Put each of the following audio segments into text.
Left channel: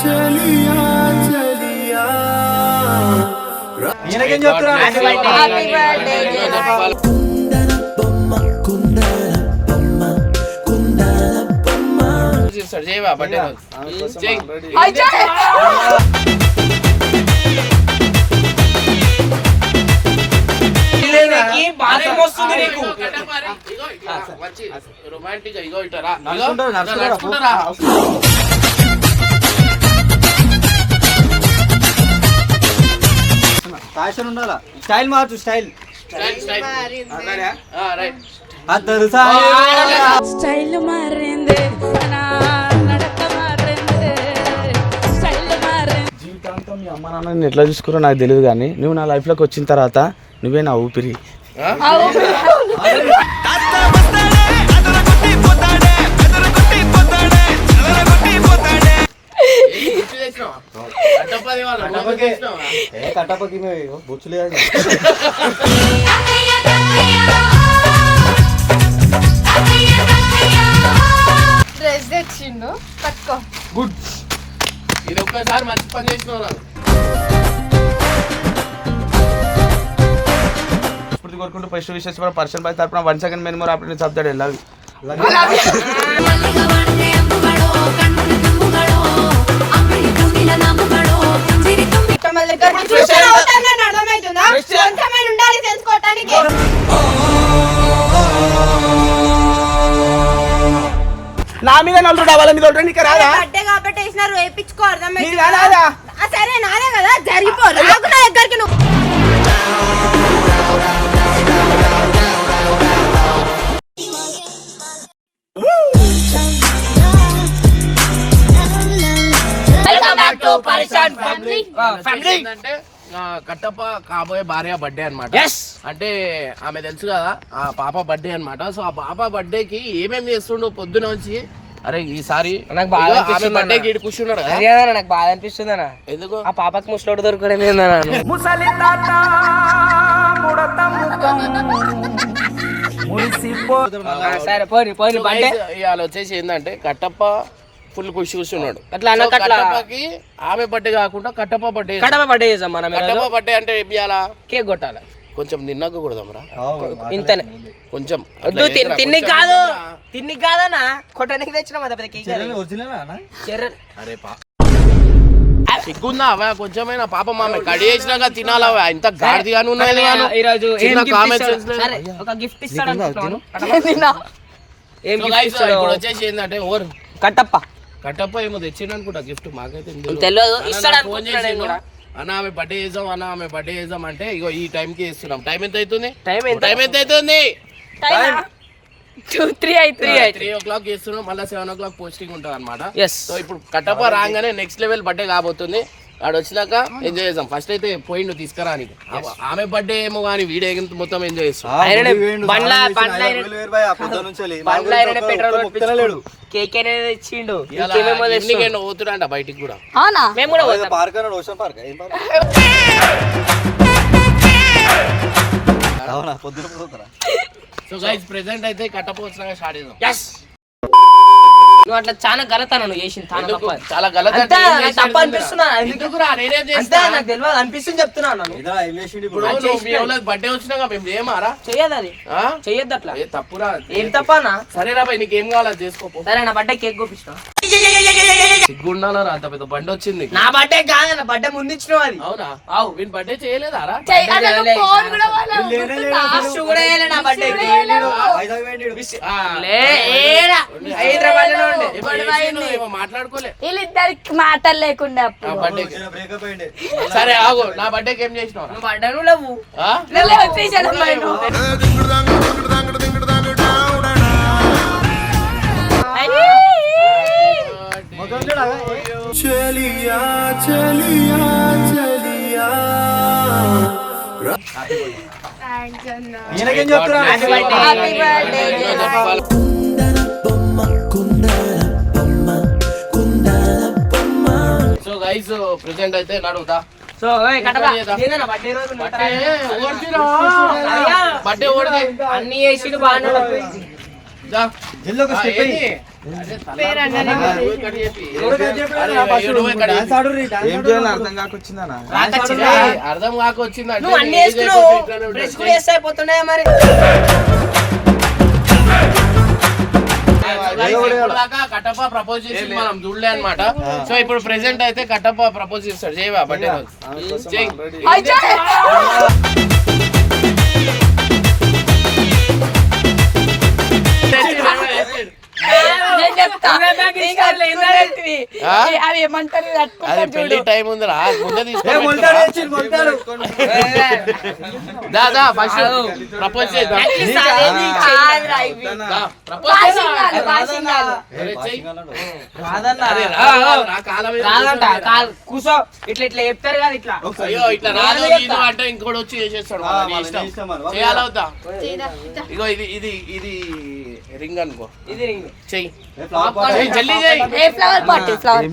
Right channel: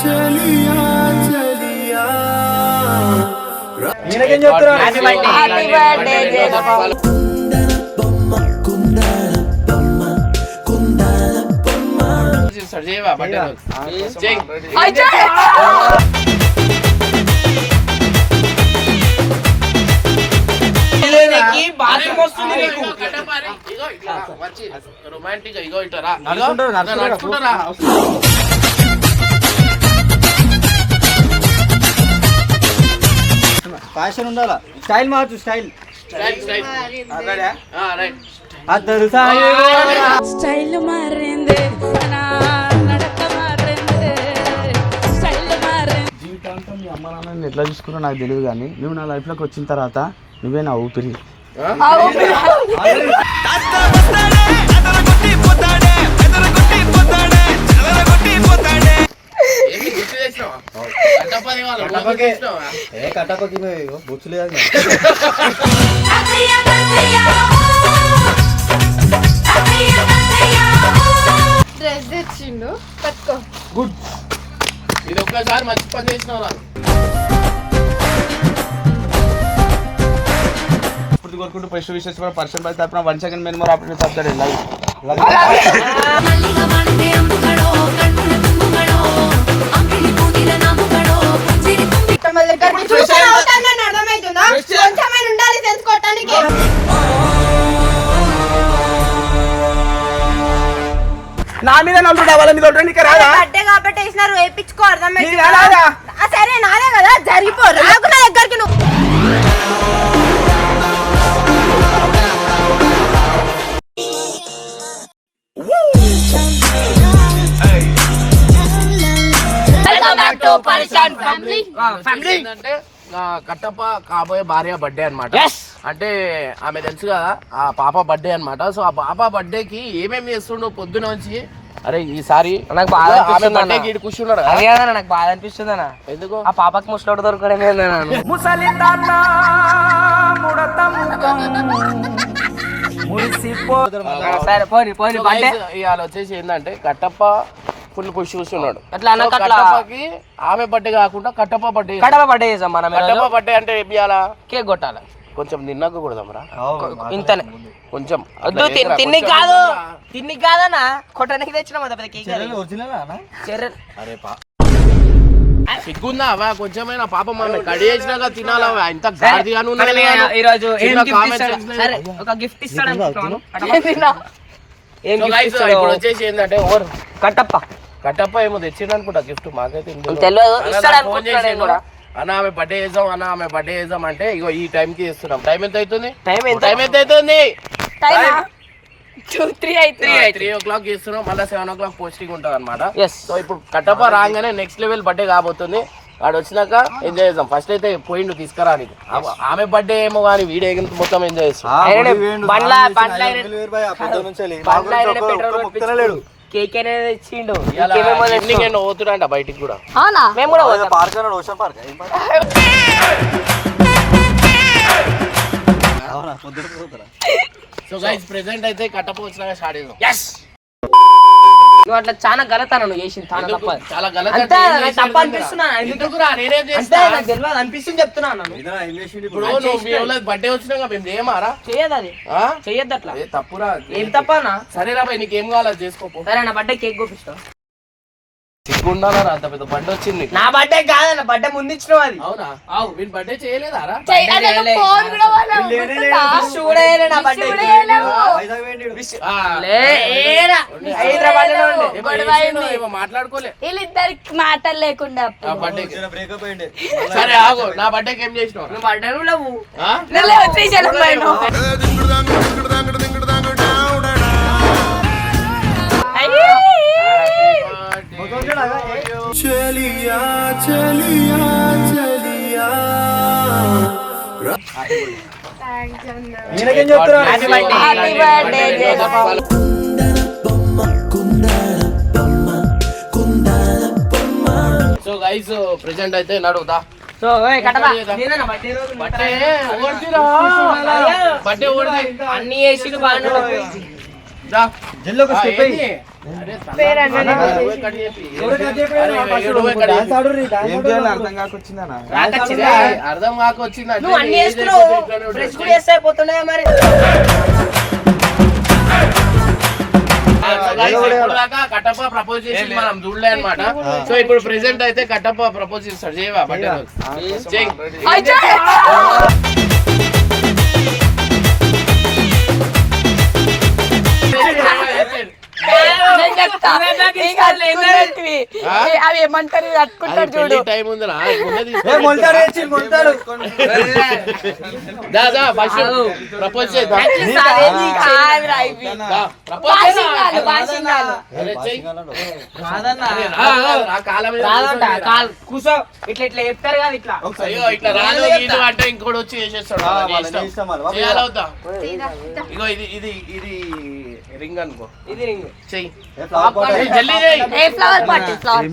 చలియా చలియా. ఈయనకేం చెప్తున్నా కుందన బొమ్మ కుందన బొమ్మ కుందన బొమ్మ రొమాంటిక్ ఇగో ఇటరా నడుచుకుంటూ, నడుచుకుంటూ. నడుచుకుంటారా? ఫ్యాషన్ ఉండాలా? స్టైల్ మార్చు స్టైల్ అద్దరు స్టైల్ మారింది జీవితాంతం మీ అమ్మ నాన్నని ఎట్లా చూసుకున్నారో నాకు తెలియదు కానీ నువ్వు నా లైఫ్లోకి వచ్చిన తర్వాత నువ్వే నా ఊపిరి. బొచ్చు లేదు డ్రెస్ తెచ్చిండు కట్టుకో ఇది ఒక్కసారి మంచి పని చేసినావు ఫస్ట్ పర్సన్ పై తరపున one second men more operate చెప్తాడు లవ్ అర్థమవుతుందా? కొంచెమైనా ఉండాలి తెలుసుకోవటానికి. నా మీద నలుగురు వాళ్ళ మీద ఒకటి నీకు రాదా బర్త్డే కాబట్టి వేసినారు వేయించుకో నీకు? ఆ, సరే నాదే కదా జరిగిపో. రాకు నా దగ్గరికి నువ్వు. కట్టప్ప కాబోయే భార్య బర్త్డే అన్నమాట. అంటే ఆమె తెలుసు కదా ఆ పాప బర్త్డే అన్నమాట. సో ఆ పాప బర్త్డే కి ఏమేమి చేస్తుండో పొద్దున వచ్చి అరే ఈసారి నాకు ఆమె అనిపిస్తుంది కూర్చున్నాడు అదే నాకు బాధ అనిపిస్తుంది అన్న. ఎందుకు? ఆ పాపకి ముసలోడు దొరకడం ముసలి తాత ముడత ముఖం. మురిసిపో సరే పోని పోని ఇవాళ వచ్చేసి ఏంటంటే కట్టప్ప ఫుల్ ఖుషి కూర్చున్నాడు. అట్లా అట్లా కట్టప్పకి ఆమె బర్త్డే కాకుండా కట్టప్ప బర్త్డే కడప బర్త్డే చేసాం మనం ఈరోజు. కట్టప్ప బర్త్డే అంటే ఏం చేయాలా? కేక్ కొట్టాలి? కొంచెం తిన్నాక కూడదాంరా ఇంతనే. కొంచెం వద్దు తిన్ని కాదు. తిన్ని కాదన్నా. కొట్టడానికి తెచ్చినాం అంత పెద్ద కేక్ అది. అరే పా. సిగ్గుందా అవా కొంచెమైనా పాపం ఆమె కడి చేసినాక తినాలవా? ఇంత గాడిదిగాను మనం ఈ-. సరే ఒక గిఫ్ట్. కడప. ఏం గిఫ్ట్ ఇప్పుడు వచ్చేసి ఏంటంటే ఓర్ కట్టప్ప. కట్టప్ప ఏమో తెచ్చిండు అనుకుంటా గిఫ్ట్ మాకైతే ఏం తెలియదు. తెలియదు. అన్న ఇస్తాడు నాకు ఫోన్ అనుకుంటున్నా నేను చేసిండు. కూడా. అన్న ఆమె బర్త్డే చేద్దాం అన్న ఆమె బర్త్డే చేద్దాం అంటే ఇగో ఈ టైం కి చేస్తున్నాం. టైం ఎంత అవుతుంది? టైం ఎంత? టైం ఎంత అవుతుంది? టూ త్రీ అయితే త్రీ అయితే త్రీ ఓ క్లాక్ చేస్తున్నాం. మళ్ళీ సెవెన్ ఓ క్లాక్ పోస్టింగ్ ఉంటుంది అనమాట ఎస్ సో ఇప్పుడు కట్టప్ప రాగానే నెక్స్ట్ లెవెల్ బర్త్డే కాబోతుంది. వాడు వచ్చినాక ఎంజాయ్ చేద్దాం. ఫస్ట్ అయితే పోయిండు తీసుకురా నీకు. ఆమె బర్త్డే ఏమో కానీ వీడియో మొత్తం ఎంజాయ్ చేస్తాం. కేక్ అనేది ఇచ్చిండు పోతున్నా బయటికి కూడా? అవునా? మేము కూడా పోతాం. Park ocean park so guys present అయితే కట్టప్ప వచ్చినాక స్టార్ట్ చేద్దాం. నువ్వు అట్లా చాలా గలతాను నువ్వు చేసింది చాలా గలత ఏం తప్పు అనిపిస్తున్నా. ఎందుకు? నేనేం చేస్తా? నాకు తెలియదు అనిపిస్తుంది చెప్తున్నా నన్ను ఇదా ఏం చేసిండు ఇప్పుడు ఇప్పుడు నువ్వు మీ వాళ్ళ బర్త్డే వచ్చినాక మేము ఏమారా? చెయ్యదు అది. ఆ? చెయ్యొద్దు అట్లా. ఏ తప్పురా. ఏం తప్పనా సరే రా నీకేం కావాలో అది చేసుకోపో. సరే నా బర్త్డే కేక్ కోపిస్తా అంత పెద్ద బండి వచ్చింది. నా బర్త్డే బర్త్డే ముందు ఇచ్చినావు అది. అవునా? అవు వీని బర్త్డే చేయలేదా రా? మాట్లాడుకోలే. వీళ్ళిద్దరికి మాటలు లేకుండా సరే ఆగు. నా బర్త్డేకి ఏం చేసినావు? బర్త్డే లేవు. చలియా చలియా చలియా సో గైస్ ప్రెసెంట్ అయితే నడుగుతా. సో ఓడిరా అన్ని చేసిడు బాగానే స్టెప్ అయ్యి. అర్థం కాకొచ్చింది మరి? కట్టప్ప ప్రపోజ్ చేసి మనం చూడలే అనమాట సో ఇప్పుడు ప్రెసెంట్ అయితే కట్టప్ప ప్రపోజ్ చేస్తాడు. చేయవా? బట్టే చెయ్యి అవి ఏమంటారు కట్టుకుంటారు చూడు. టైం ఉందిరా గుండె ఏ మొలతాడు వేసి మొలతాడు. దా దా ఫస్ట్ ప్రపోజ్ చేద్దాం కూసో. ఇట్లా ఇట్లా చెప్తారు కదా ఇట్లా. అయ్యో ఇట్లా రాదు గీదు అంటే ఇంకోటి వచ్చి చేసేస్తాడు? ఇగో ఇది ఇది ఇది రింగ్ అనుకో. ఇది రింగ్. చెయ్యి. ఫ్లవర్ పార్టీ ఫ్లవర్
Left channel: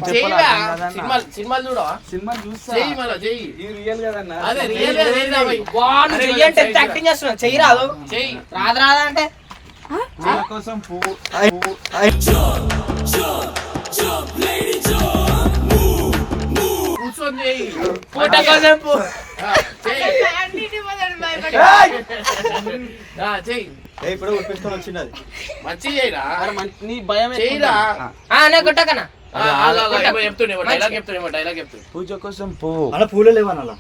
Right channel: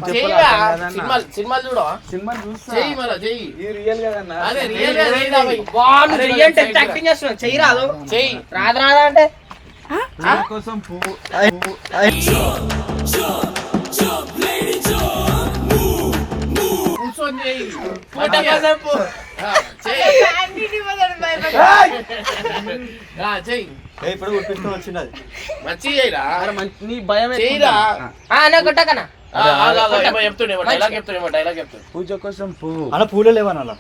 రాదు. రాదు అంటే? కోసం కూర్చొని ఇప్పుడు వచ్చింది అది మంచి నీ భయం కొట్టకనా? పూజ కోసం పువ్వు అలా పూలు లేవని అలా.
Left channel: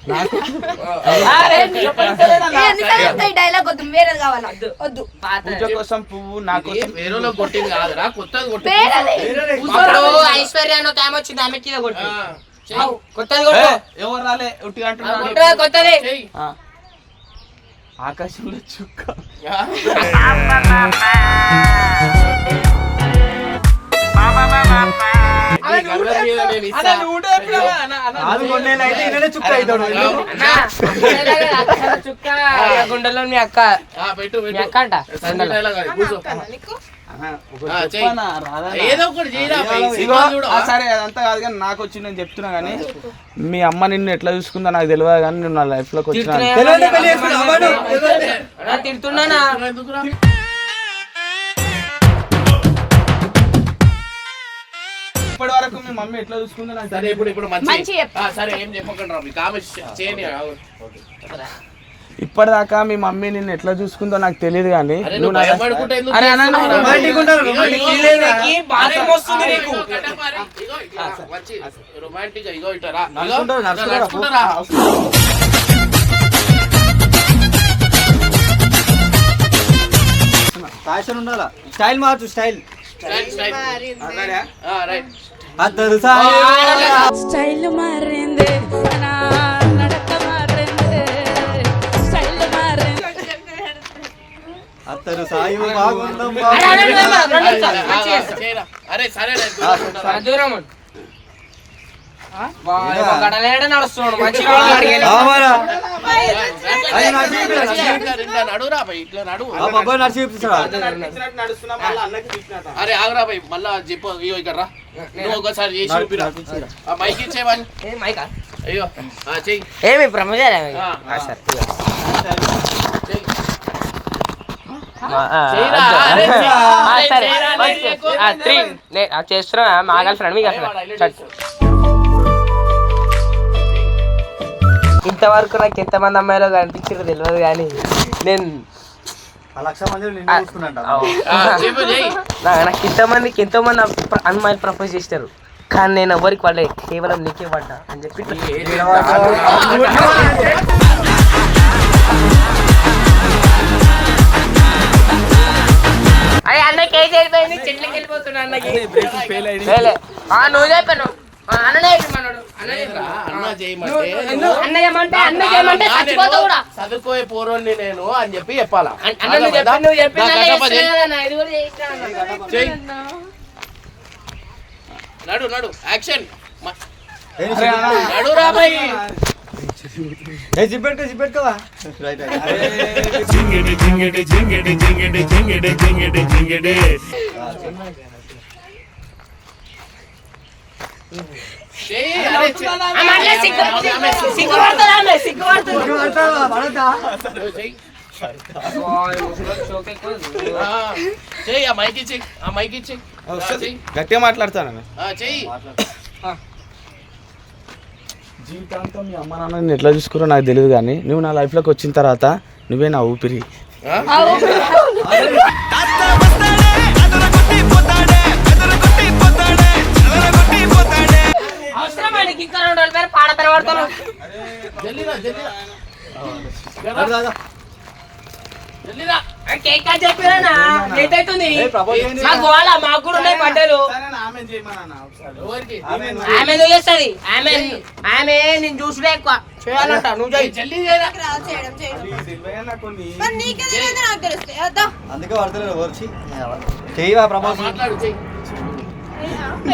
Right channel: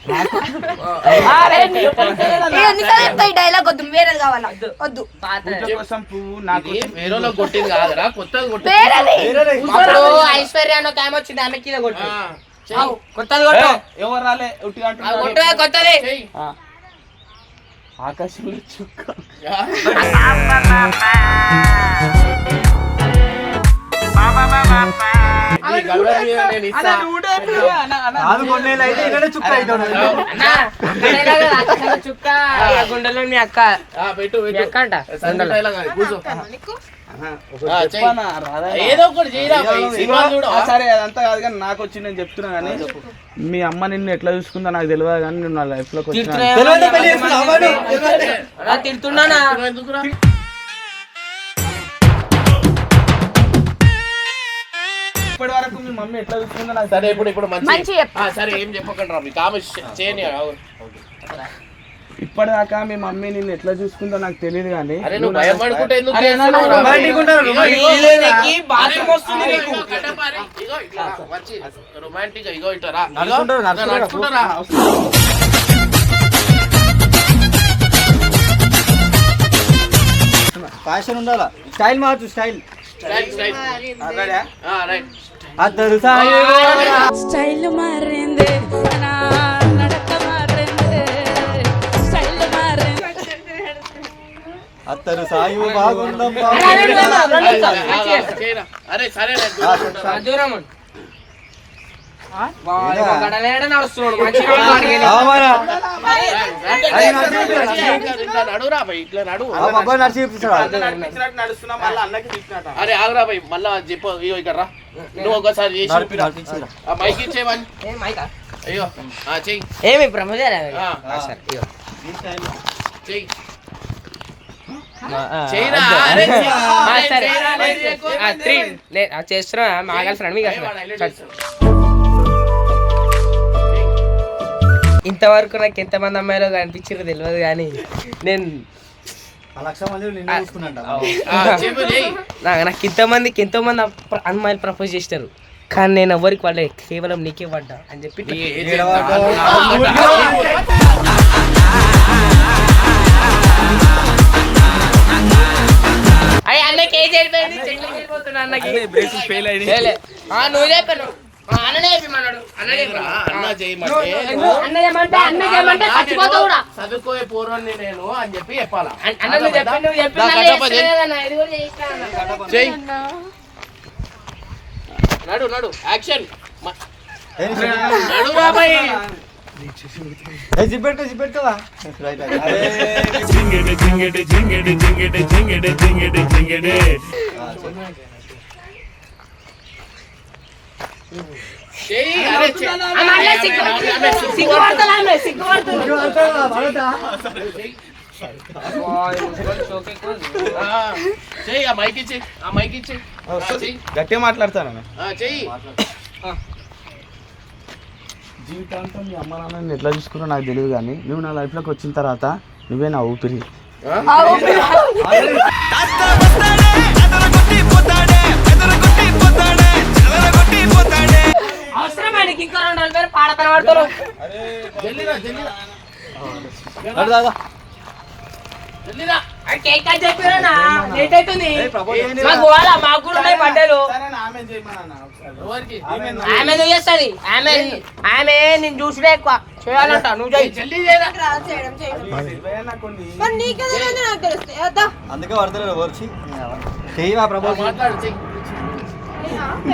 డైలాగ్ వద్దు వేరేది కావాలా? వద్దు. పూజ కోసం పువ్వు నా ఇది కోసం వేరేలో కొట్టింది కాదురా కొత్తది ఐశ్వర్య అని ఒక ఆమె వచ్చింది కొట్టు. కొత్తది కొట్టు. ఎవరు రాలే కొత్తది. ఆకాశంలో చుక్క ఆ. నీ గల్వర్ మీద నేను చుక్క గుండెలో మీ అక్క. పెట్టు అక్క అంట సరే అదంతా కాదు కానీ నాకు వచ్చి నేను చెప్తున్నా కానీ. మీ అమ్మ నిన్ను ఎట్లా చూసుకుందో నాకు తెలియదు కానీ నా లైఫ్లోకి వచ్చిన తిడుతున్నానా? ఇప్పటి వరకు మీ మమ్మీ ఎట్లా చూసుకుందో నాకు సరే ఇప్పుడు ఇప్పుడు మంచి మంచి చెప్పు. ఆ, సరే ఏం చెప్పకండి ఆమె చేయని ఇప్పటిదాకా మీ మమ్మీ నిన్ను ఎట్లా చూసుకుందో నాకు తెలియదు కానీ అరే నువ్వు భయపడుకుంటే ఎందుకు అరే, అన్న, రొమాంటిక్ ఇగో నడుచుకుంటారు, నడుచుకుంటారు. ఫ్యాషన్ ఉండాలా? స్టైల్ మార్చు స్టైల్. Style, style. ఆ, రైట్. సాయి స్టైల్ మారింది నడక మారింది స్టైల్ మారింది అత్తరు సాయి చేయరా. అరే సరే అరే ఆగురా భయ్ మళ్ళా చెప్పు ఇగో ఇక్కడ రా నువ్వు ఒకసారి చేసి మైక్ ఇచ్చేవని ఏం మైకా? అయ్యో చెయ్యి ఏమి. చెయ్యి ఆ, చెయ్యిరా, అంతే. ఇంతవరకు నాకు ఎంతమంది అమ్మాయిలో కనిపించారో తెలియదు కానీ నేను నాకు ఇంతమందికి ఎంతో మంది అమ్మాయిలు ప్రపోజ్ చేస్తారు కానీ నేను ఎవరికి పడలే కేవలం నీకే పడ్డా అని చెప్పి అయ్యి అన్నకి చెట్లకి వెళ్ళిపోతున్నా. ఆ, నువ్వు చెప్పాను ఆ, అన్ననే చెప్పమన్నాడు చదువుకోయే పూర్వని నేను అని చెప్పి చెప్పాలా నడు నడు యాక్షన్ నడు రా భయ్ ఏ జిప్పెట్టుకో జిప్పెట్టుకోవా రైట్ చెయ్యి అరే చెయ్యి. ఆమె గట్టిగా మాట్లాడతాను. జీవితాంతం మీ అమ్మ నాన్న ఎట్లా చూసుకురో నాకు తెలియదు కానీ నువ్వు నా లైఫ్లోకి వచ్చిన తర్వాత నువ్వే నా ఊపిరి. అవుతుంది ప్రపోజ్ చేయండి. మాకు కూడా ఉన్నాయి ఎవరికి? ఆమె చేస్తుంది ఆమె ఆమె. నేను చూసుడే ఎక్కువ. చేయాలంట నువ్వు అందుకే పడతలేదు వచ్చి చేయవా చెయ్యి.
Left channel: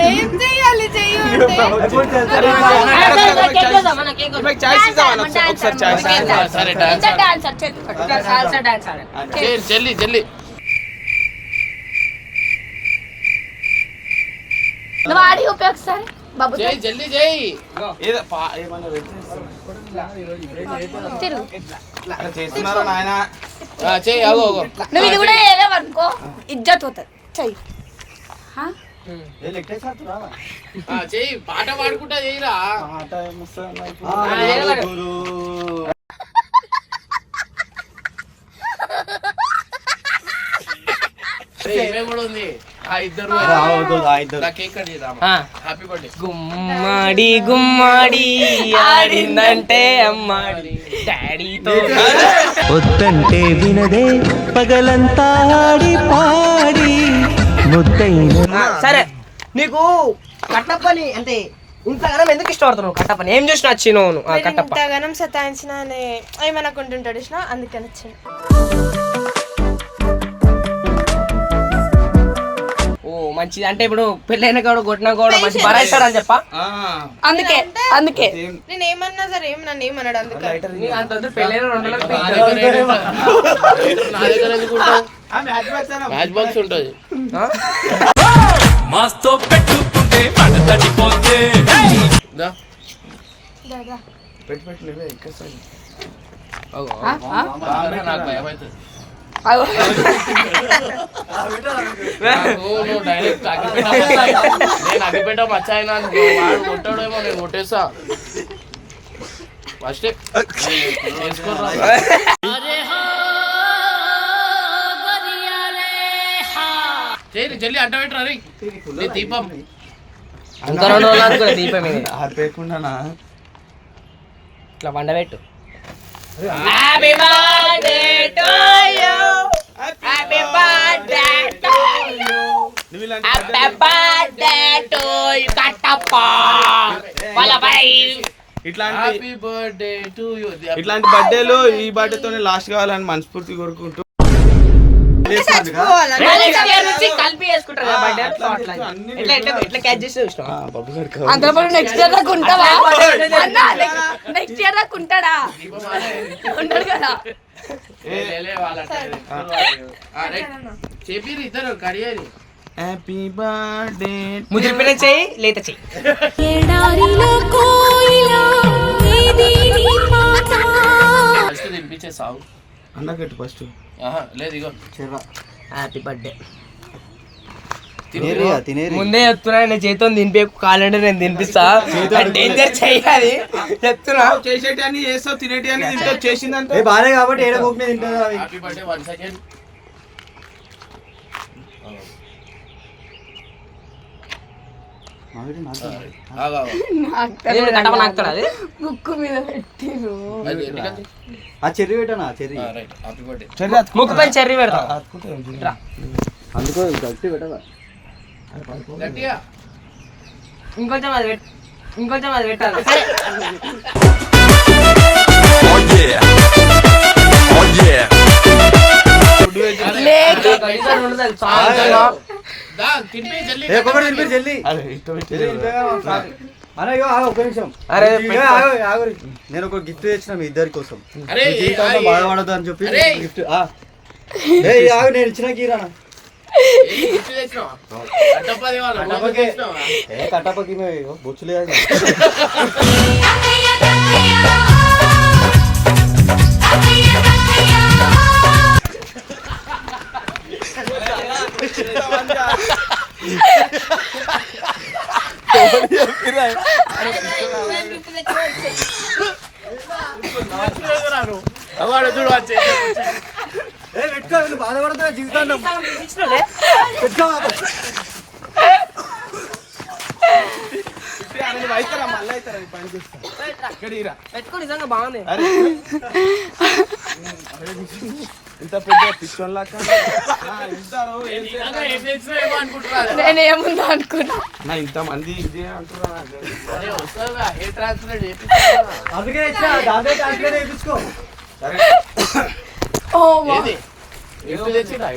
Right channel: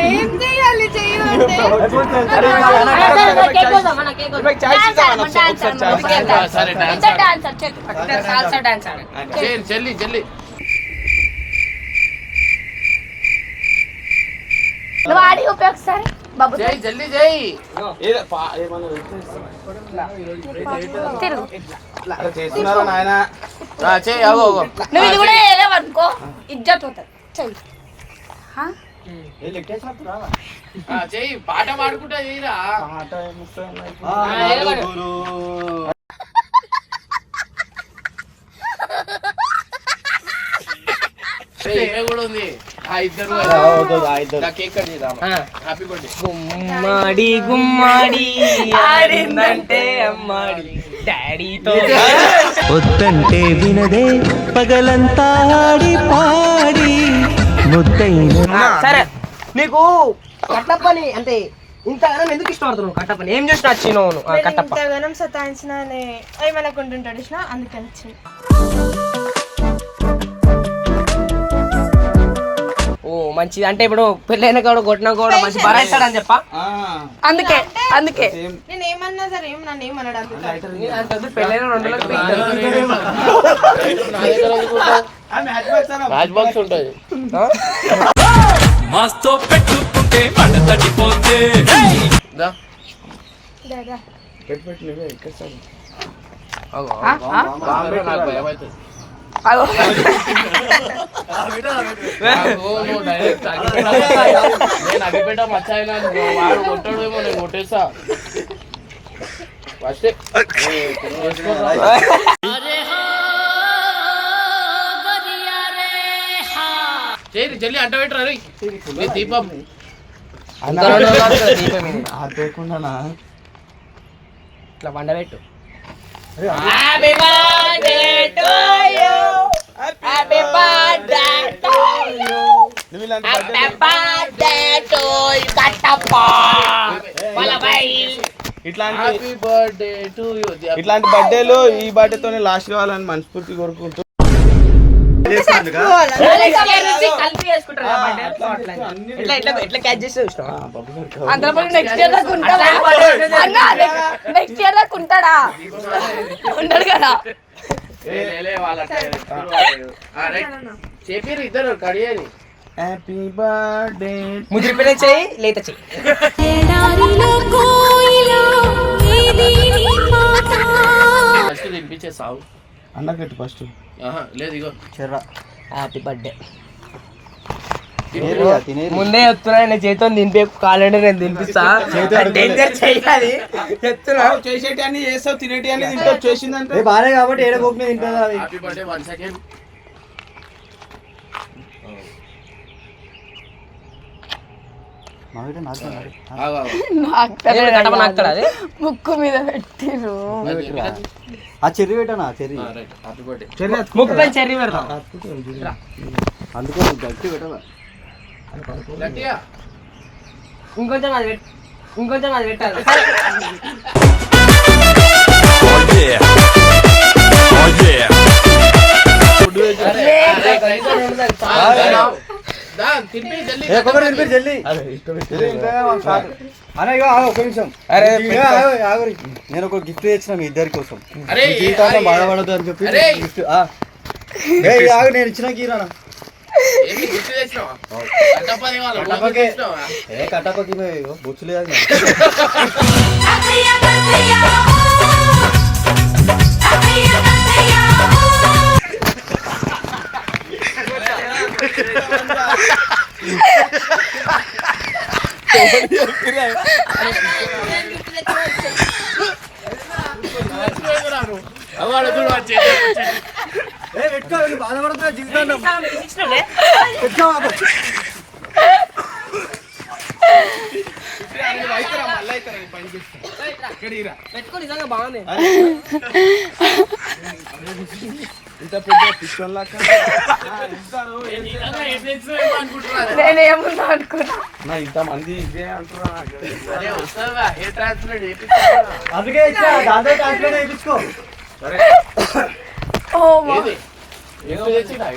ఏం చేయాలి? జల్లి నువ్వు ఆడి ఉపయోగిస్తాను బాబు చెయ్యి జల్లి చెయ్యి. తిరుగు. నువ్వు ఇది కూడా చేయలేవు అనుకో ఇజ్జత్ పోతుంది చెయ్యి. చెయ్యి పాట పాడుకుంటా చెయ్యిరా. గుమ్మడి గుమ్మడి ఆడిందంటే అమ్మాడి. డాడీతో వద్దంటే వినదే పగలంతా ఆడి పాడి. సరే నీకు కట్టప్పని అంటే ఇంతగానం ఎందుకు ఇష్టపడుతున్నావు? కట్టప్పని ఏం చూసి నచ్చినావు నువ్వు? ఆ కట్టప్ప. ఇంతగానం సతాయించిన ఏమనుకుంటుంటాడు ఇష్టం అందుకని వచ్చింది ఓ మంచిది. అంటే ఇప్పుడు పెళ్ళైన కూడా కొట్టినా కూడా మంచి బరాయిస్తాడని చెప్పా? అందుకే అందుకే. నేను ఏమన్నా సరే ఏం నన్ను ఏమన్నాడు వద్దు, పెళ్ళైన రెండు నెలలకు నా పీకుతాడు. దగ్గర ఎందుకు- నా దగ్గర ఎందుకు ఉంటావు? మ్యాచ్ బాక్స్ ఉంటుంది మాస్తో పెట్టుకుంటే మంట తడిపోతే దా. దాదా పెట్టి పెట్టి నువ్వే ఎక్కేస్తాను అగో, ఆ? ఆ? నాకు భయం అవుతుంది. అగో. నాకు నువ్వు డైరెక్ట్ అగ్గిపెట్ట మచ్చాయి. నేను అగ్గిపెట్ట మచ్చాయినా వాడు కొట్టాడేమో నేను కొట్టేస్తా ఫస్ట్ చేరి జల్లి అంట పెట్టరా రే? నీ దీపం. ఆర్పేయకుండా ఇట్లా పండబెట్టు happy birthday to you happy birthday to you నువ్వు ఇలాంటి happy birthday to you Kattappa. బలబై ఇట్లాంటి హ్యాపీ బర్త్డే టు యూ ఇట్లాంటి బర్త్డేలు ఈ బర్త్డేతోనే లాస్ట్ కావాలని మనస్ఫూర్తి కోరుకుంటూ నెక్స్ట్ ఇయర్ దాకా ఉంటాడా? కదా. చెప్పారు ఇద్దరు హ్యాపీ బర్త్డే చెయ్యి లేత చెయ్యి సాగు అన్నకట్టు ఫస్ట్ ఆహా, లేదు ఇగో. హ్యాపీ బర్త్డే ముందే చెప్తున్నా నేను చేతితో దింపే కాలండి నేను తినిపిస్తా. డేంజర్ చెయ్యాలి చెప్తున్నా. చేసేటి అన్ని చేస్తావు తినేటి అన్ని తింటావు చేసిందంటే ఏ బాలే కాబట్టి ఏడ పోకుండా తింటుందా అవి హ్యాపీ బర్త్డే వన్ సెకండ్ అది. ముక్కు మీద పెట్టిరు ఆ చెర్రి పెట్టానా? చెర్రి. ముక్కు పైన చెర్రీ పెడతాం. అందుకే గట్టి పెట్టాలా గట్టిగా. ఇంకొంచెం అది పెట్టు. ఇంకొంచెం అది పెట్టాలి తినిపి జల్లి ఏ కొబ్బరి తినిపి జల్లి. అరే ఒక్క నిమిషం. అరే. నేను ఒక గిఫ్ట్ తెచ్చిన మీ ఇద్దరి కోసం. జీవితంలో బాధపడదు అని చెప్పి అరే. గిఫ్ట్ ఆగు నేను ఇచ్చిన కీరానా ఏ కట్టపకి బొచ్చు లేదు అవాడు చూడు ఏ బాధపడుతున్నా జీవితాన్ని పెట్టుకో నిజంగా బాగుంది. ఇంత పెద్ద పిచ్చోన్ లాగా నిజంగా ఏం చేస్తున్నావేమో అనుకుంటున్నాను. నేనేముందా అనుకున్నా. నా ఇంత మంది ఇదే అంటున్నా అందుకే ఇచ్చా దాంతో ట్రాన్స్లేట్ చేయించుకో ఓ మా ఏది? తెచ్చినా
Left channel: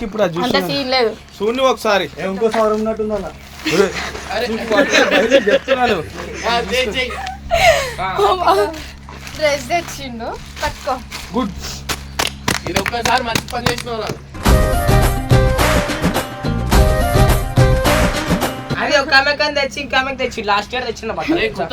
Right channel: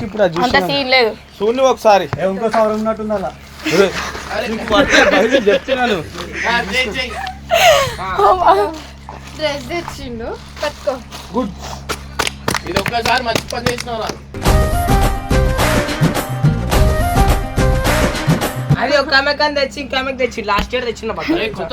ఇప్పుడు ఒకసారి. ఏ ఇంకో సవరం ఉన్నట్టుంది అలా చెప్తున్నాను. డ్రెస్ తెచ్చిండు కట్టుకో గుడ్ ఇది ఒక్కసారి మంచి పని చేసినావు నాకు అది ఒక ఆమె కానీ తెచ్చి ఇంకో ఆమెకి తెచ్చి లాస్ట్ ఇయర్ తెచ్చిన బట్టలు కొత్త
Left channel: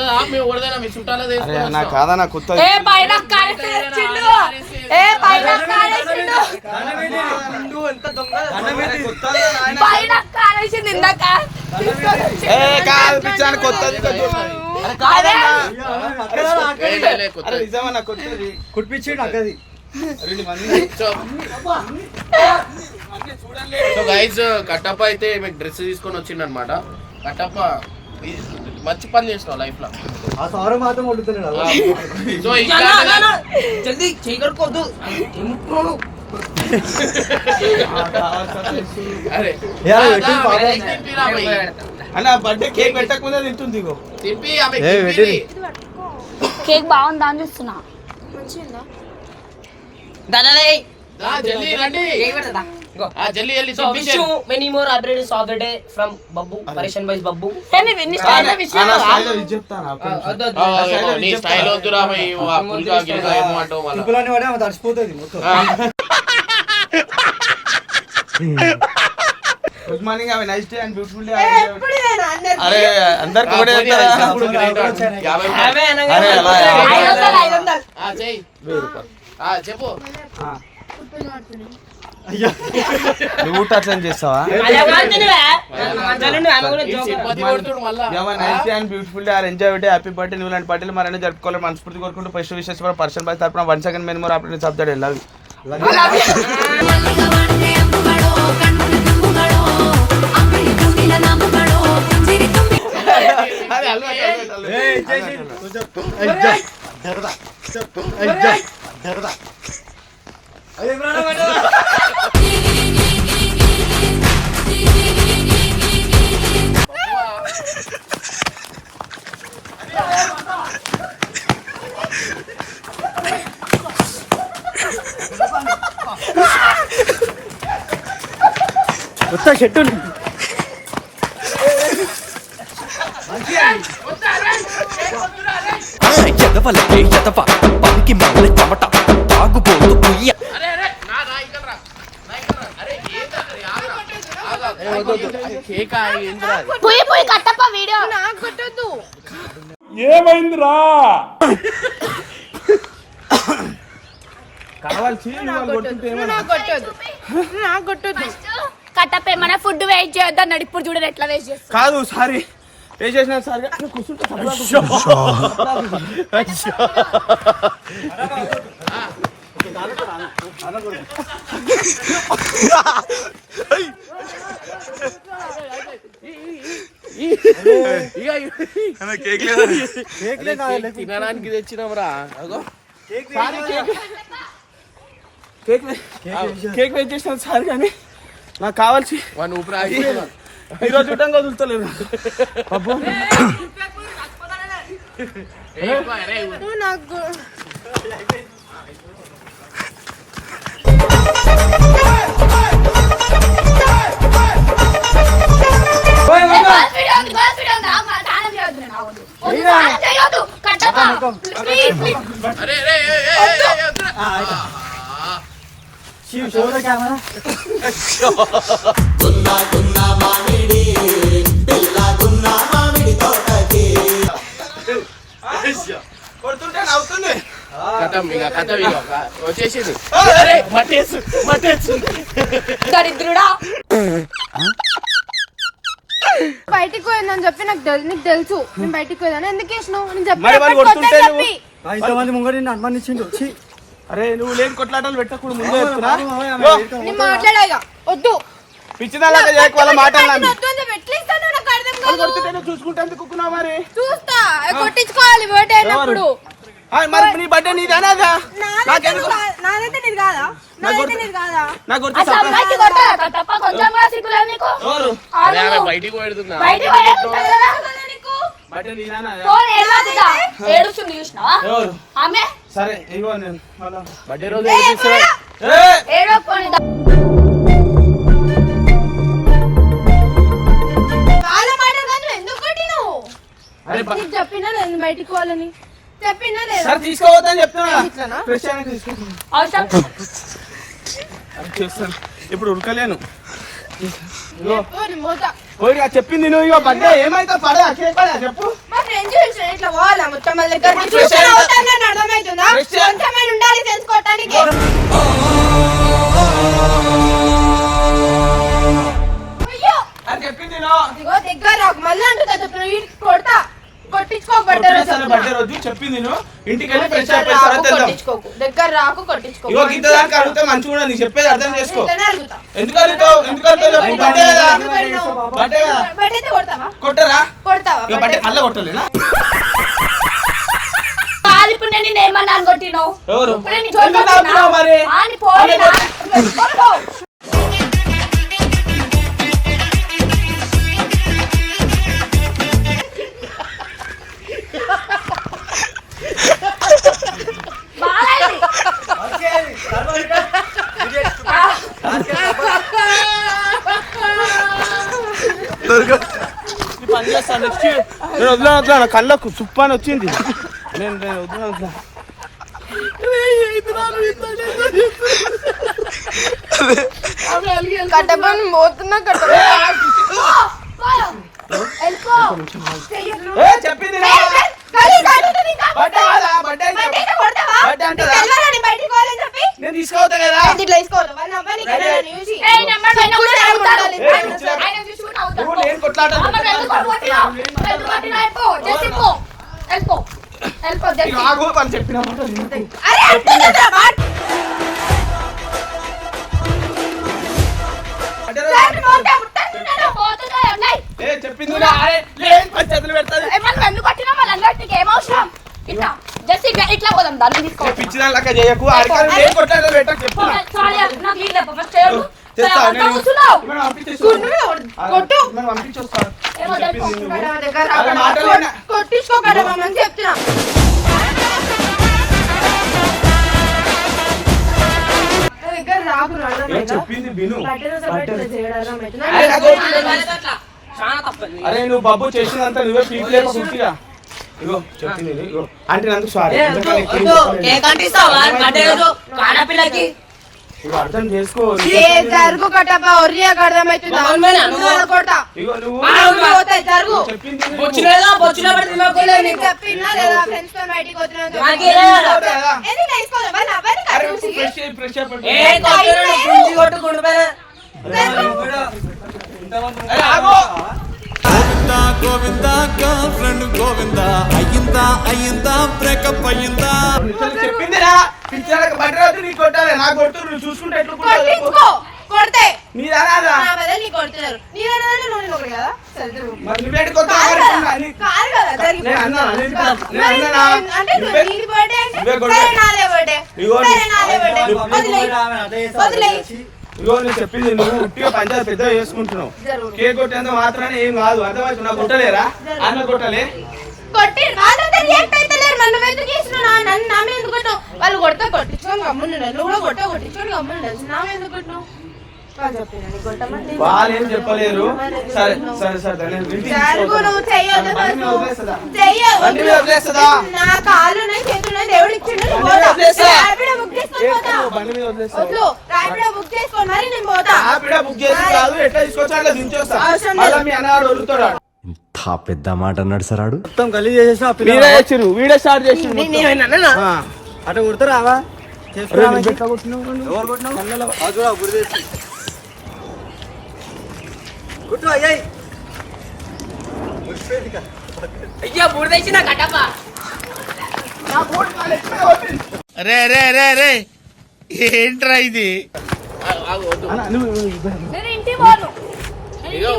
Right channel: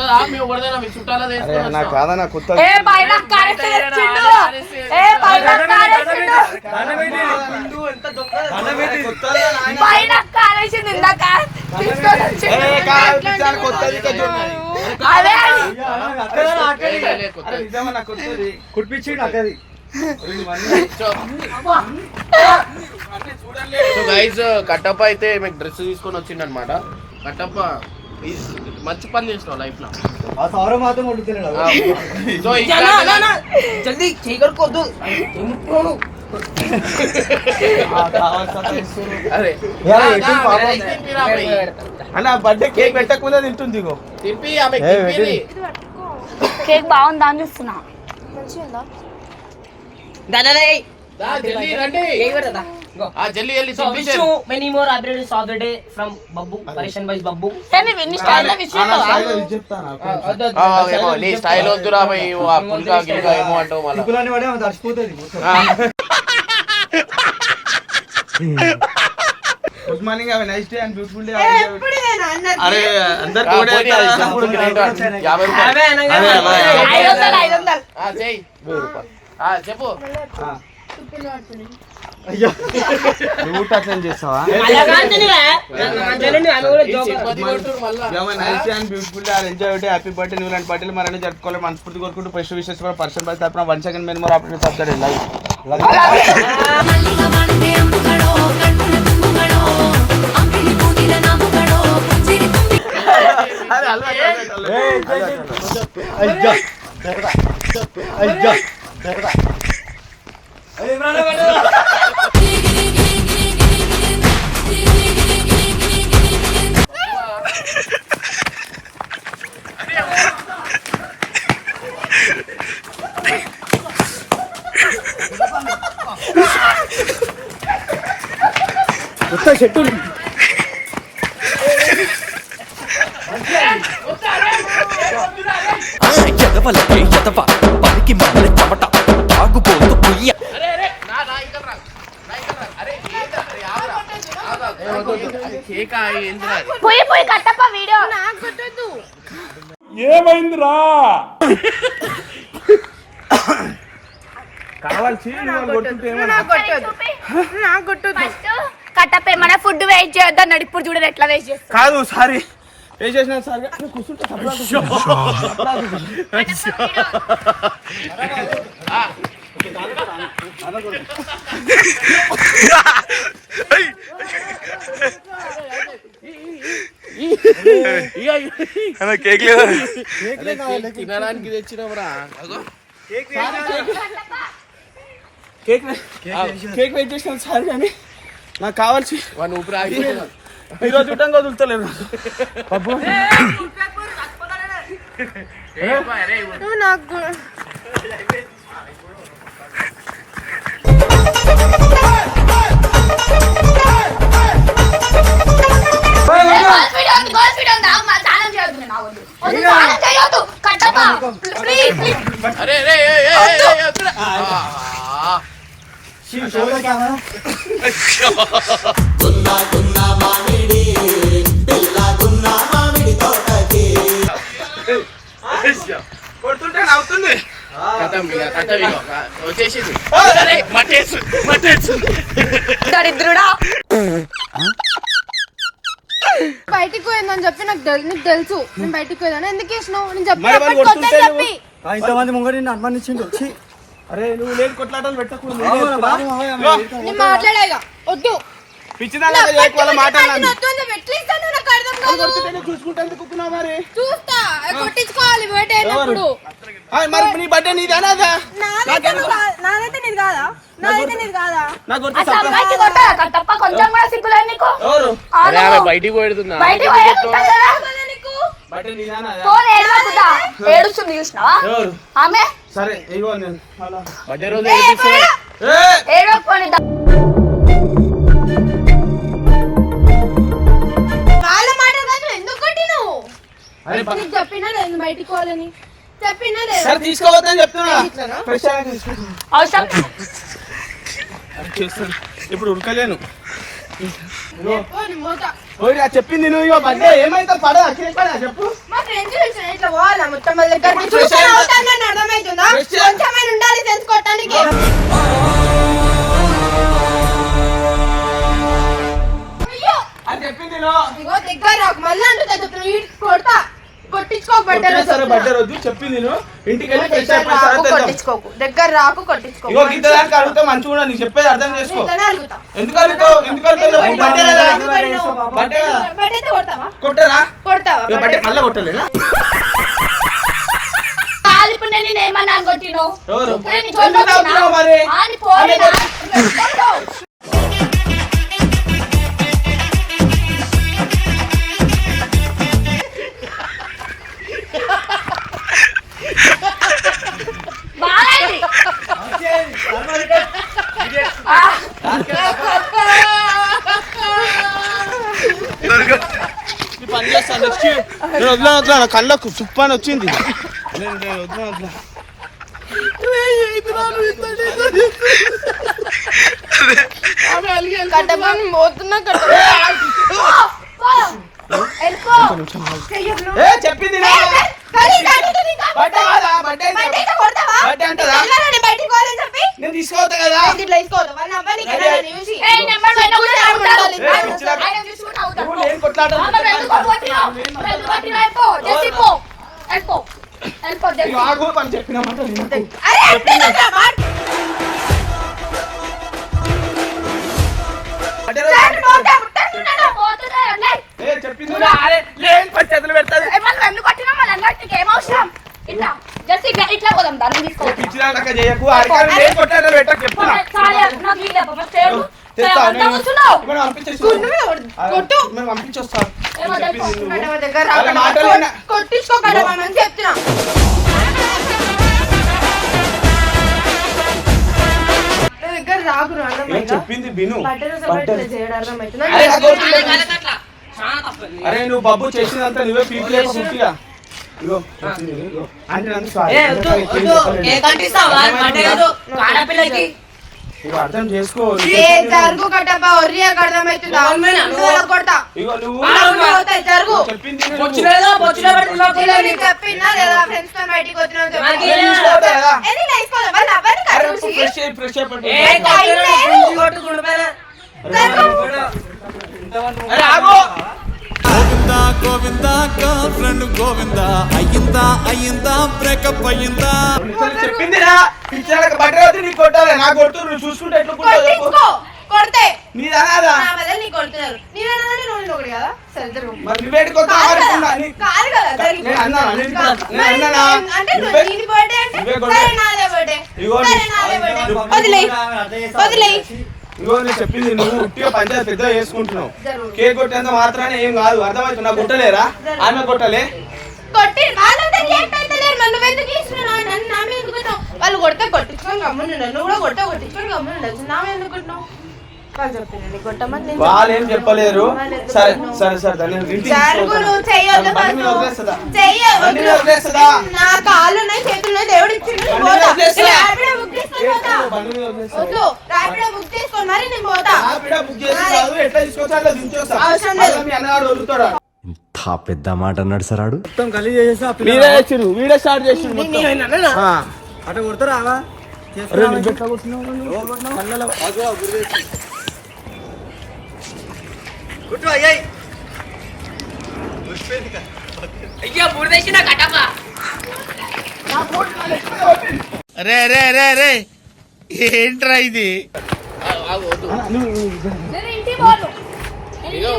అక్కది సో గైజ్ కట్టప్ప అయితే మీకు డ్రెస్ తీసుకొని వచ్చిండు అనమాట కట్టప్ప మంచి పని చేసినావు లైఫ్లో. ఆ సవరం మాత్రం వండుతున్నాడు ఆ, సో జల్దీ చేయగలుకోవద్దు అన్న బర్త్డే కేక్ పెట్టకముందే తింటుంది. కేక్ బాగుందా అని చూస్తున్నా. Many more updates of the day from Babbu పరేషన్ వైస్ బబ్బు నీ- స్టైల్ వద్దురా ఆ పుల్కా గిల్కా ఏమో అంటావు మళ్ళా తుకులని పడే ఆమె తడిసిపోతుంది గుడ్ మార్నింగ్ అవి nice day and beautiful day? అరే అందరికి ఒకటే చెప్పు. నువ్వు అట్లా చేస్తావా? Beautiful day or enjoy day happy birthday new లాంటి బర్త్డే మరన్నీ జరుపుకోవాలి మనస్ఫూర్తి కోరుకుంటూ ఫస్ట్ కూడా పర్సన్ బై తరపున one second men more operate subject వెళ్ళాలి కొత్త షర్టు ఎదవలకే ఎదవ పనికి మాల చెమట తాగుబోతు కుయ్య అరే అరే నా నా ఇక్కడ రా నా ఇక్కడ రా. అరే ఏంటా? అరే, ఆగురా. ఆగు, ఆగు. ఏ, వద్దు, వద్దు. అరే, కేకా ఏంటిరా ఇది? పోయి పోయి కట్టప్ప వీడియో. నాకు కొట్టొద్దు. కావాల్సి నాకు కొట్టొద్దు. కట్టప్ప ఏమైనా ఫుడ్ వేస్ట్ చేయొద్దు అన్నాడు ఇప్పుడు చూడండి ఎట్లా వేస్ట్ చేస్తా. కాదు సారీ. ఏ చేసిన సార్? కూర్చుంటే కేక్ లేదా? తినడానికి తెచ్చినావురా. కేక్ కేక్ వెయిట్ చేసిన సార్ కానీ నాకు కావాల్సి వాడిని ఊపిరి ఆగిపోయింది. ఈ రోజు చూడటంగా వదులుతలేరు పప్పు. నాకు గర్ల్స్ వచ్చేసింది. దరిద్రుడా? బయటికి పోయిందని చెప్పి నాకు తెలు- నీకు తెలుసు. నేను బయటికి పోయిందని ఎందుకు వేసినావు నేను చెప్పి మరి వాళ్ళు ఎప్పటికి కొడుతుంటే వద్దని నువ్వు- చెప్పి. ఆ, ఇంతమంది ముంగడి నిన్ను అనుమానించిండు ఛీ. అరే నువ్వు లేని కొట్లాటలు పెట్టకూడదు ముందే అవును, చెప్తున్నా. బాబు, మామయ్య, ఆమె ఇగో, ఇరుక- నేను మాట్లాడేగా వద్దు. పిచ్చిదానిలాగా చేయకు వాళ్ళ మాట నాకు అన్నాను. వద్దు అని చెప్పి ఎట్లా ఇస్తానో నాకు అర్థం అది కాదు. కొడుతుంటే చూసుకుంటే ఎందుకు మరి? చూస్తా. కొట్టించుకోవాలి ఆ, మరి నీ బర్త్డే నీది అనాదా నాదైతే నీది కాదా? నాదైతే నీది కాదా? నాకు గుర్తు? కట్టప్ప కొంచెం కూడా నీకు. ఎవరు? బయటికి పెడుతున్నా బయటికి పోయేది కదరా నీకు బర్త్డే నీది అనాదా ఫోన్ ఏడవకురా. ఏడుస్తుంది చూసినావా? ఎవరు? ఆమె? సరే ఇగో నేను. అలా. బర్త్డే రోజు ఏడిపిస్తున్నా. ఏయ్! ఏడవకొని వాళ్ళ మాట కాదు ఎందుకు కొట్టినావు? అరే బ- నీకు చెప్పినా బయటికి పోవాలని. సరే తీసుకోవద్దని చెప్తున్నా. అవసరం. ఇప్పుడు ఉడకలేను చెప్పింది నువ్వు ఇగో బర్త్డే. ఏమైతే పడే అక్కడ చెప్పు. చెప్పింది మళ్ళీ ఈ కొడతా. రోజు. చెప్పింది ఇంటికి దగ్గర రాకు దానికి అడిగితే మంచిగా కూడా నీకు చెప్పేది అర్థం చేసుకో. ఎందుకు అడుగుతావు? ఎందుకు అడుగుతావు? కొట్టరా? కొడతావా మళ్ళీ కొట్టలేదా కాలిప్పుడు నేను ఏమన్నా కొట్టిను? నెక్స్ట్ నేను వదిలే వదిలే నా కళ్ళకు చుప్ప అని వచ్చింది నేను నేను వదిలే వదిలే పోతున్నా చెప్పింది నేను తీసుకోవద్దా కదా. ఏయ్, చెప్పింది చేతులు పెడతాది. ఎందుకు? మళ్ళీ? ఇట్లా. జస్ట్ ఇట్లా ఇట్లా పోదాం దాన్ని చేయకు. అరికాలు నాకు. ఫస్ట్. తెస్తా నేను కూర్చున్నావు. కొట్టు. మాటలు విన్నా. కొట్టించుకోకడమని చెప్తున్నా దగ్గర? చెప్పింది విను? అరే నాకు వద్దు. అరే నువ్వు బాబు చేసినంత నువ్వే పీక్ లేక పుట్టిగా ఇగో చెప్పింది ఇది, ఇగో. అంటే సారీ ఇగో అర్థం చేసుకో ఏ జరుగు అర్థమవుతుందా. కొడతా ఇగో నువ్వు పోతాయి, చెప్పింది లేదా? ఫ్రెండ్స్తో బయటికి వచ్చినా గోవింద గోవింద గర్ల్ ఫ్రెండ్ గోవింద. అయ్యిందా అయ్యిందా బ్రేకప్ అయ్యిందా? చెప్పిందిరా. పిచ్చాలకు కొట్టాలి. నువ్వు చూసుకుంటే కొడితే. అనాదా నా బదులు నీకు కొడుతున్నారు. నేను నువ్వు ఒకటి కదా? సరే. మరి నీ- కాదు కదా? అంటే బర్త్డే అంటే. సరే నాదే బర్త్డే. ఇగో సరే నీ- నాదే బర్త్డే. నువ్వు- వదిలేయ్ వదిలేయ్ ఇగో నేను చెప్పింది నువ్వు ఉట్టిగా పంచాయతీ పెద్ద చేసుకుంటున్నావు. కేక్ కొట్టేంత మాత్రానే ఏం కాదు. అర్థమవుతుంది? నాకు కొట్టలేరా ఆమె కొట్టలే? కొట్టి వాళ్ళంతా రియాక్ట్ అవుతలేరు మరి నువ్వెందుకు చేస్తున్నావు నన్ను నా మీద ఎందుకు కొట్టావు వాళ్ళు కొడితే కొట్టించుకొని గమ్మున నువ్వు కూడా కొట్ట కొట్టించుకొని గమ్మున నా మీద ఎందుకు కొట్టినావు? వాళ్ళు ఏం చెప్పలేరు. సరే? సరే సరే? నా చేతులు ఉన్నాయి దేవుడు ఇచ్చిండు బుక్ మరి నేను పోతా. బుక్ ఎట్లా దించొస్తా. అవసరం లేదు. మీ ఇంత పెద్ద మాట అన్నాడు సరాడు మొత్తం గలీజ్ చేసేసి ఆ పిల్ల- మీరే చేసిరు వీడే స్టార్ట్ చేసిండు మొత్తం. ఆ. అట్లా కొడతారా? ఆవా? అరే నువ్వు ఎట్లా కొట్టినావు? రే రే రే రే. ఏంట్రా ఇది.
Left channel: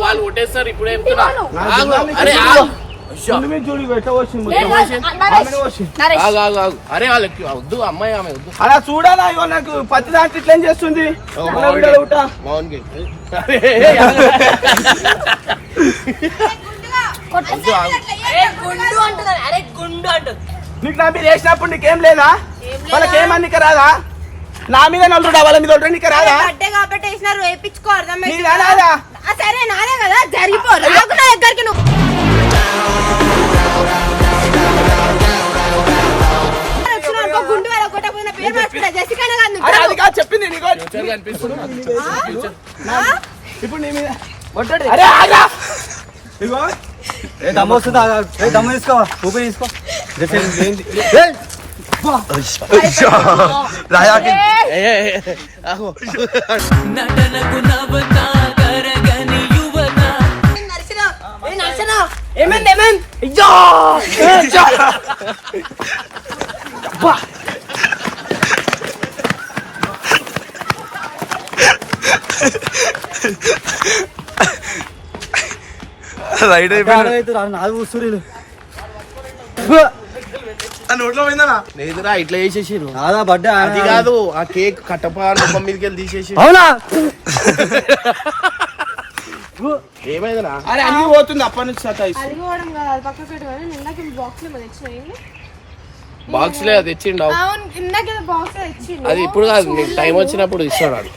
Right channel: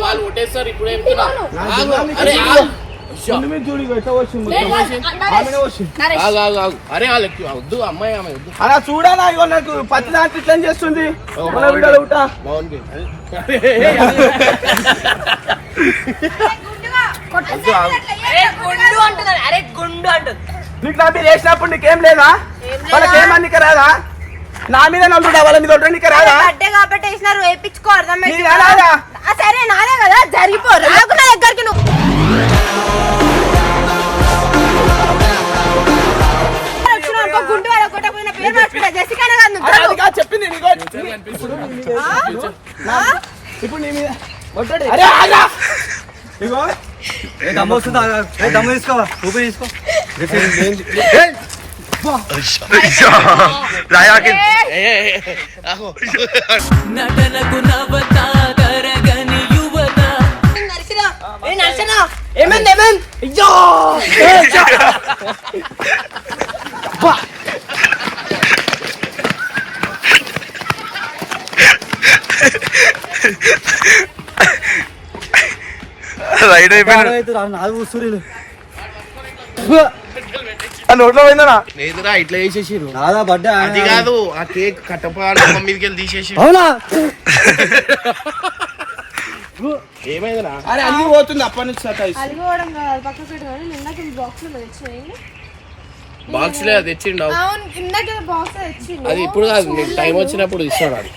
వాళ్ళు కొట్టేస్తారు ఇప్పుడు అరే వాళ్ళకి వద్దు అమ్మాయి ఆమె వద్దు. అలా చూడాలా ఇగో నాకు పత్తి దాంట్లో ఇట్లా చేస్తుంది? నీకు నా మీద వేసినప్పుడు నీకేం లేదా? వాళ్ళకి ఏమన్నిక రాదా? నా మీద నలుగురు వాళ్ళ మీద ఒకటి నీకు రాదా? బర్త్డే కాబట్టి వేసినారు వేయించుకో అర్థం నీకు రాదా? సరే నాదే కదా జరిగిపో రాకు నా దగ్గరికి నువ్వు. గుండు వాళ్ళ కొట్టకపోయిన పేరు మార్చుకుంటా జెసికానే కాదు చెప్పింది నీకు. ఇప్పుడు నీ మీద అరే ఆగా ఇగో. ఏ దమ్ము వస్తుందా? ఏ దమ్ము తీసుకో ఊపిరి తీసుకో. ఏయ్, నటనకు నవత కరగని యువత. ఏ నర్సన ఏమైంది ఏమైంది అయ్యో. రైడ్ ఆడవైతే రా, నాది ఊస్తురీలు. నోట్లో పోయిందనా? లేదుగా ఇట్లా చేసేసిరు నాదా బర్త్డే అది కాదు ఆ కేక్ కట్టపా మీదకి వెళ్ళి తీసేసి అవునా? ఏమైందిరా? అరే అన్ని పోతుంది అప్పటి నుంచి. అది పోవడం కాదు అది పక్కకు పెట్టుకోవాలి నేను ఇందాక బాక్స్లో తెచ్చినాయి బాక్స్ లే అది తెచ్చిండు? అవును ఇందాక బాక్స్ తెచ్చిండు. అది ఇప్పుడు కాదు నీకు టైం వచ్చినప్పుడు ఇస్తాడు అది.